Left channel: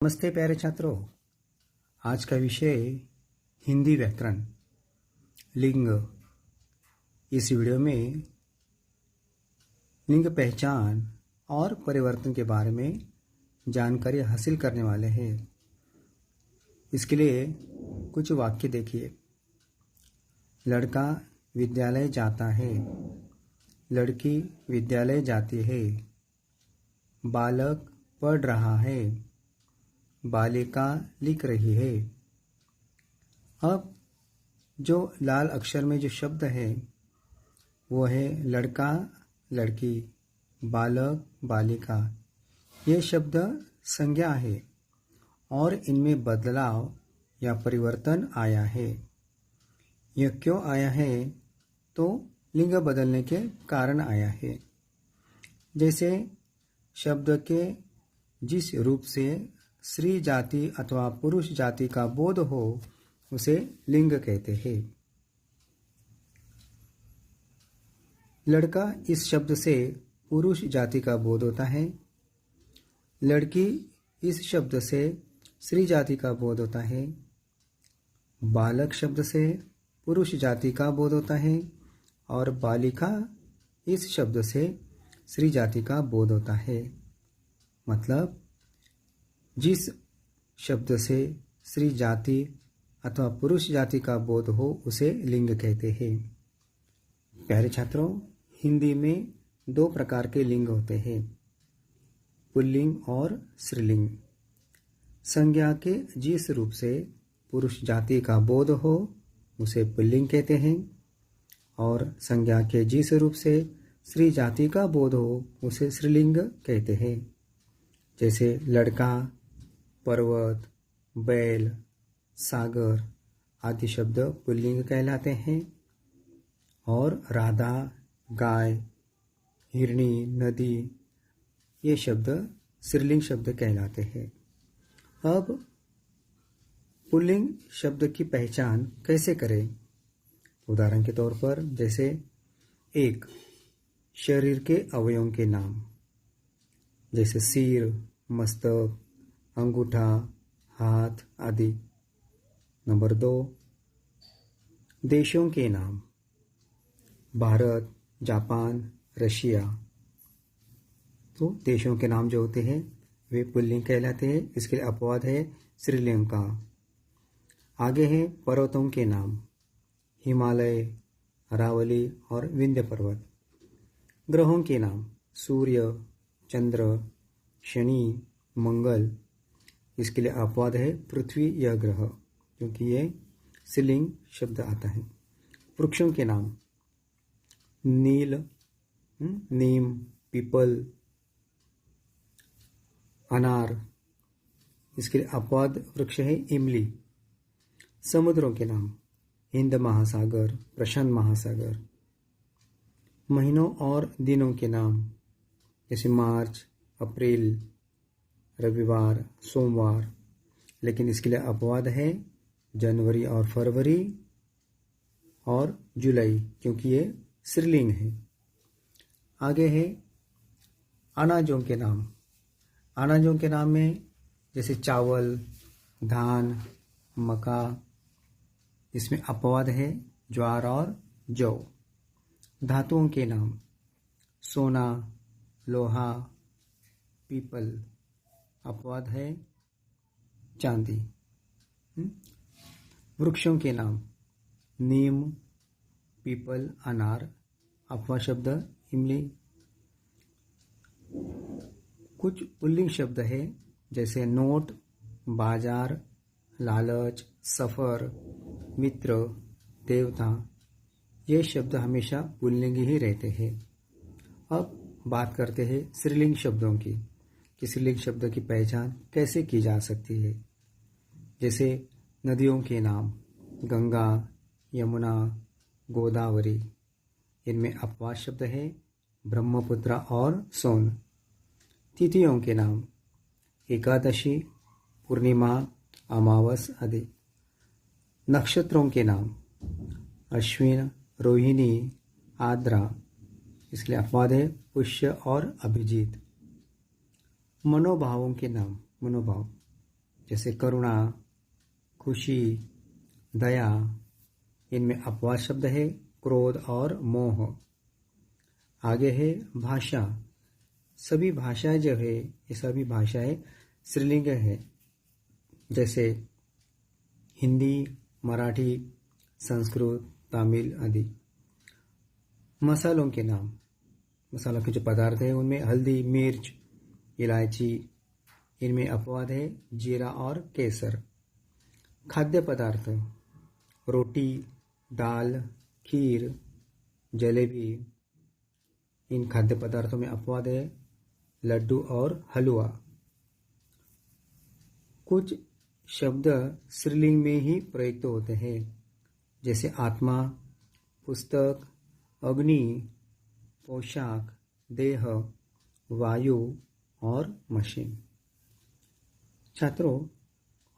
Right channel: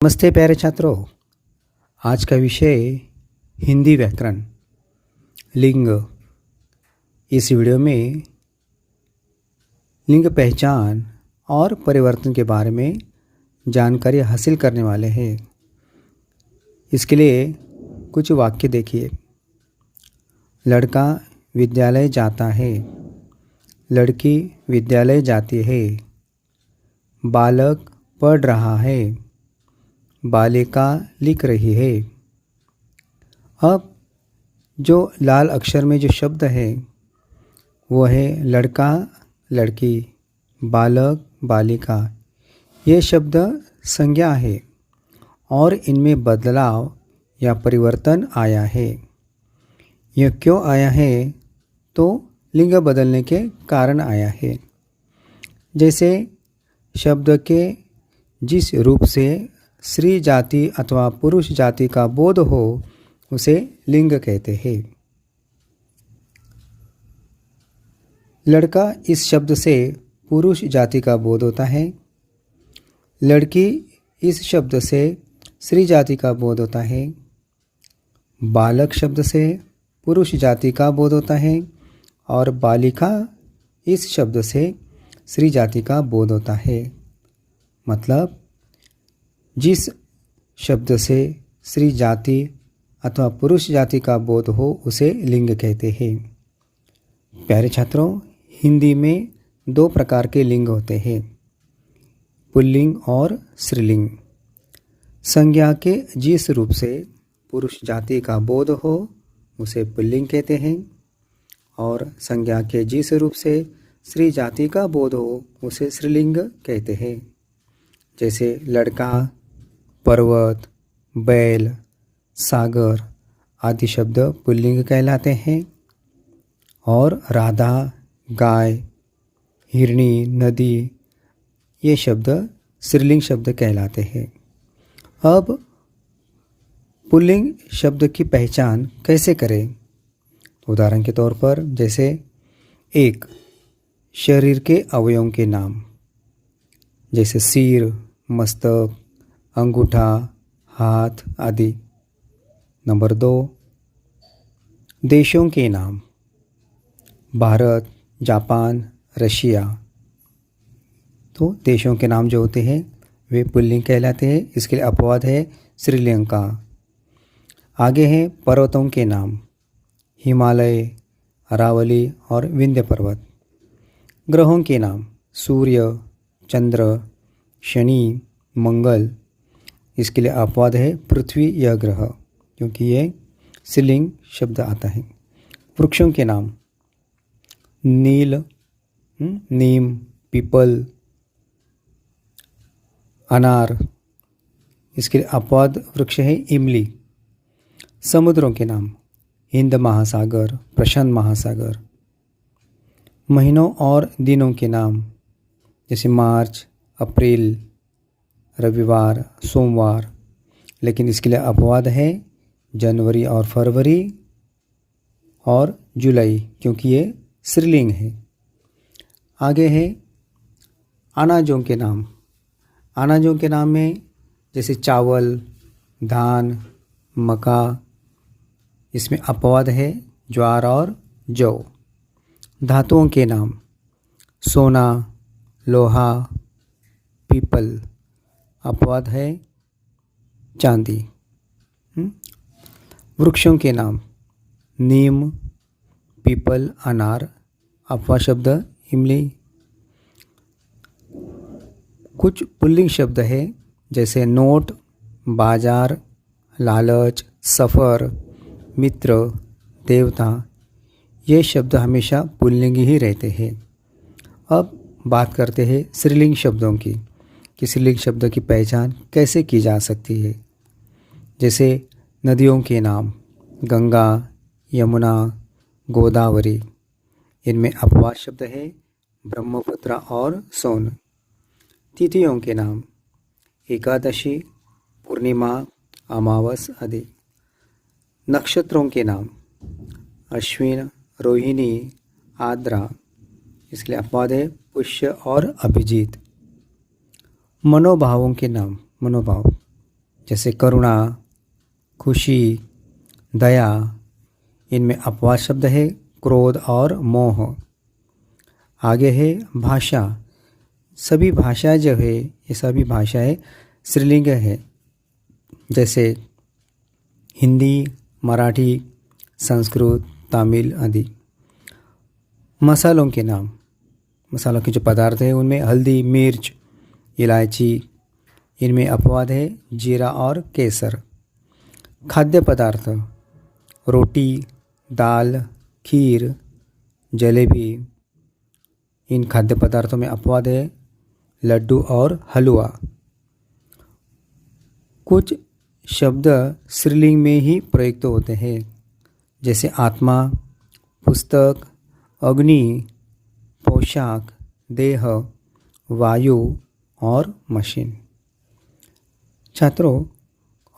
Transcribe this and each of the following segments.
नमस्ते प्यारे छात्रों। आज का विषय हिंदी व्याकरण लिंग। इस वीडियो में लिंग पहचान और परिवर्तन के बारे में जानकारी हासिल करने वाले हैं। इसके लिए कुछ वाक्य देखिए। लड़का विद्यालय जाता है, लड़की विद्यालय जाती है, बालक पढ़ रहा है, बालिका लिख रही है। अब जो लाल अक्षर में जो शब्द है वो है लड़का, लड़की, बालक, बालिका। ये शब्द संज्ञा है और इनमें बदलाव या परिवर्तन आया है। यह क्यों आया है? तो लिंग बदलने के कारण आया है। जैसे शब्द के जिस रूप से स्त्री जाति अथवा पुरुष जाति का बोध हो उसे लिंग कहते हैं। लड़का इस शब्द से पुरुष जाति का बोध होता है, लड़की इस शब्द से स्त्री जाति का बोध होता है, बालक शब्द से पुरुष जाति का बोध होता है और बालिका इस शब्द से स्त्री जाति का बोध होता है। मतलब जिस शब्द से स्त्री जाति अथवा पुरुष जाति का बोध हो उसे लिंग कहते हैं। प्यारे छात्रों, हिंदी में दो प्रकार के लिंग होते हैं, पुल्लिंग और स्त्रीलिंग। संज्ञा के जिस रूप से पुरुष जाति का बोध हो उसे पुल्लिंग कहते हैं और संज्ञा के जिस रूप से स्त्री जाति का बोध हो उसे स्त्रीलिंग कहते हैं। जैसे लड़का, पर्वत, बैल, सागर आदि शब्द पुल्लिंग कहलाते हैं और राधा, गाय, हिरणी, नदी ये शब्द स्त्रीलिंग शब्द कहलाते हैं। अब पुल्लिंग शब्द की पहचान कैसे करें? उदाहरण के तौर पर जैसे एक शरीर के अवयवों के नाम, जैसे सिर, मस्तक, अंगूठा, हाथ आदि। नंबर 2 देशों के नाम, भारत, जापान, रशिया। तो देशों के नाम जो होते हैं वे पुल्लिंग कहलाते हैं। इसके लिए अपवाद है श्रीलंका। आगे हैं पर्वतों के नाम, हिमालय, अरावली और विंध्य पर्वत। ग्रहों के नाम, सूर्य, चंद्र, शनि, मंगल। इसके लिए अपवाद है पृथ्वी यह ग्रह, क्योंकि ये स्त्रीलिंग शब्द आता है। वृक्षों के नाम, नील, नीम, पीपल, अनार। इसके लिए अपवाद वृक्ष है इमली। समुद्रों के नाम, हिंद महासागर, प्रशांत महासागर। महीनों और दिनों के नाम, जैसे मार्च, अप्रैल, रविवार, सोमवार। लेकिन इसके लिए अपवाद है जनवरी और फरवरी और जुलाई, क्योंकि ये स्त्रीलिंग है। आगे है अनाजों के नाम। अनाजों के नाम में जैसे चावल, धान, मक्का। इसमें अपवाद है ज्वार और जौ। धातुओं के नाम, सोना, लोहा, पीपल। अपवाद है चांदी। वृक्षों के नाम, नीम, पीपल, अनार। अपवाद शब्द इमली। कुछ पुल्लिंग शब्द है जैसे नोट, बाजार, लालच, सफ़र, मित्र, देवता। ये शब्द हमेशा पुल्लिंग ही रहते हैं। अब बात करते हैं स्त्रीलिंग शब्दों की कि स्त्रीलिंग शब्द की पहचान कैसे की जा सकती है। जैसे नदियों के नाम, गंगा, यमुना, गोदावरी। इनमें अपवाद शब्द है ब्रह्मपुत्र और सोन। तिथियों के नाम, एकादशी, पूर्णिमा, अमावस आदि। नक्षत्रों के नाम, अश्विन, रोहिणी, आद्रा। इसके लिए अपवाद है पुष्य और अभिजीत। मनोभावों के नाम, मनोभाव जैसे करुणा, खुशी, दया। इनमें अपवाद शब्द है क्रोध और मोह। आगे है भाषा। सभी भाषाएं जो है ये सभी भाषाएं स्त्रीलिंग है, जैसे हिंदी, मराठी, संस्कृत, तमिल आदि। मसालों के नाम। मसालों के जो पदार्थ हैं उनमें हल्दी, मिर्च, इलायची। इनमें अपवाद है जीरा और केसर। खाद्य पदार्थ, रोटी, दाल, खीर, जलेबी। इन खाद्य पदार्थों में अपवाद है लड्डू और हलवा। कुछ शब्द स्त्रीलिंग में ही प्रयुक्त होते हैं, जैसे आत्मा, पुस्तक, अग्नि, पोशाक, देह, वायु और मशीन। छात्रों,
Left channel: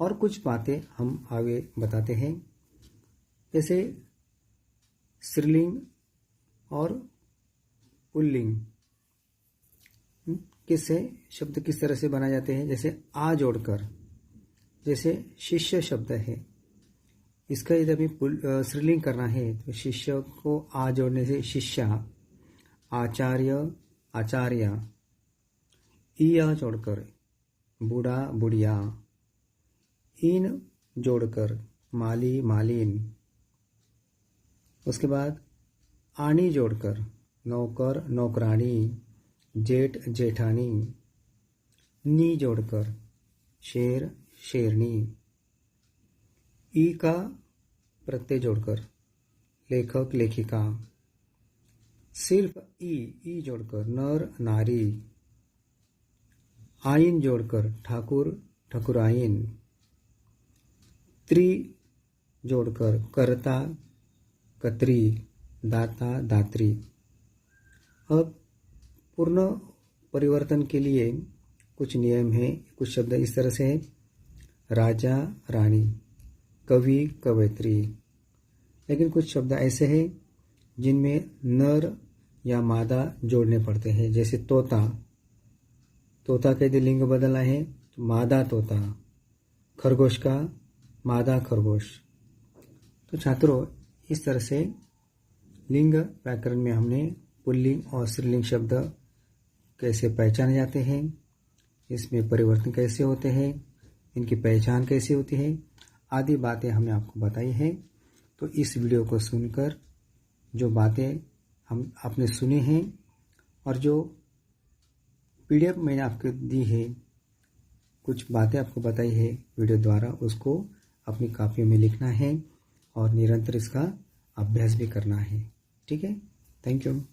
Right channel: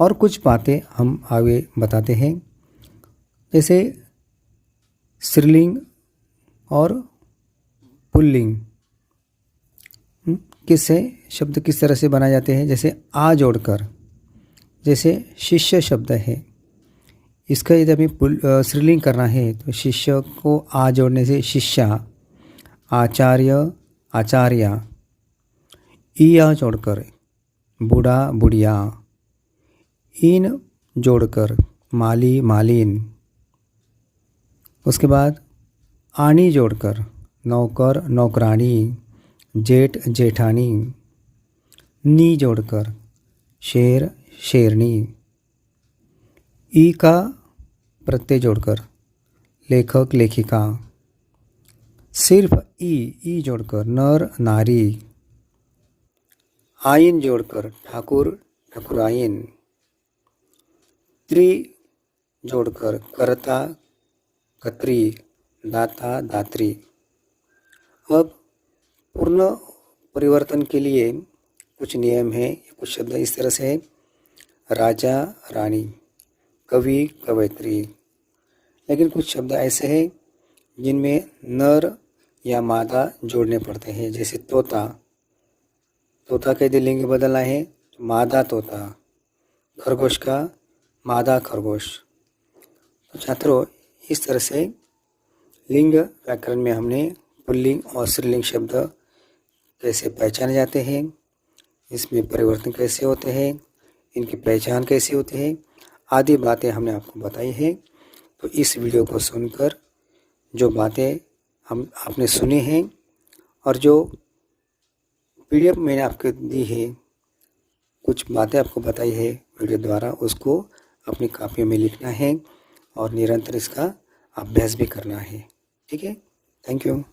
और कुछ बातें हम आगे बताते हैं, जैसे स्त्रीलिंग और पुल्लिंग किससे शब्द किस तरह से बनाए जाते हैं। जैसे आ जोड़कर, जैसे शिष्य शब्द है, इसका यदि हमें स्त्रीलिंग करना है तो शिष्य को आ जोड़ने से शिष्या, आचार्य, आचार्या। ईया जोड़कर बूढ़ा, बुढ़िया। इन जोड़कर माली, मालिन। उसके बाद आनी जोड़कर नौकर, नौकरानी, जेठ, जेठानी। नी जोड़कर शेर, शेरनी। ई का प्रत्यय जोड़कर लेखक, लेखिका। सिर्फ ई जोड़कर नर, नारी। आइन जोड़कर ठाकुर, ठकुराइन। त्रि जोड़कर कर्ता, कत्री, दाता, दात्री। अब पूर्ण परिवर्तन के लिए कुछ नियम हैं। कुछ शब्द इस तरह से है, राजा, रानी, कवि, कवयित्री। लेकिन कुछ शब्द ऐसे हैं जिनमें नर या मादा जोड़ने पड़ते हैं, जैसे तोता। तोता के यदि लिंग बदलना है तो मादा तोता। खरगोश का मादा खरगोश। तो छात्रों, इस तरह से लिंग व्याकरण में हमने पुल्लिंग और स्त्रीलिंग शब्द कैसे पहचाने जाते हैं, इसमें परिवर्तन कैसे होते हैं, इनकी पहचान कैसे होती है, आदि बातें हमने आपको बताई हैं। तो इस वीडियो को सुनकर जो बातें आपने सुनी हैं और जो PDF मैंने आपको दी है, कुछ बातें आपको बताई है वीडियो द्वारा, उसको अपनी कापियों में लिखना है और निरंतर इसका अभ्यास भी करना है। ठीक है, थैंक यू।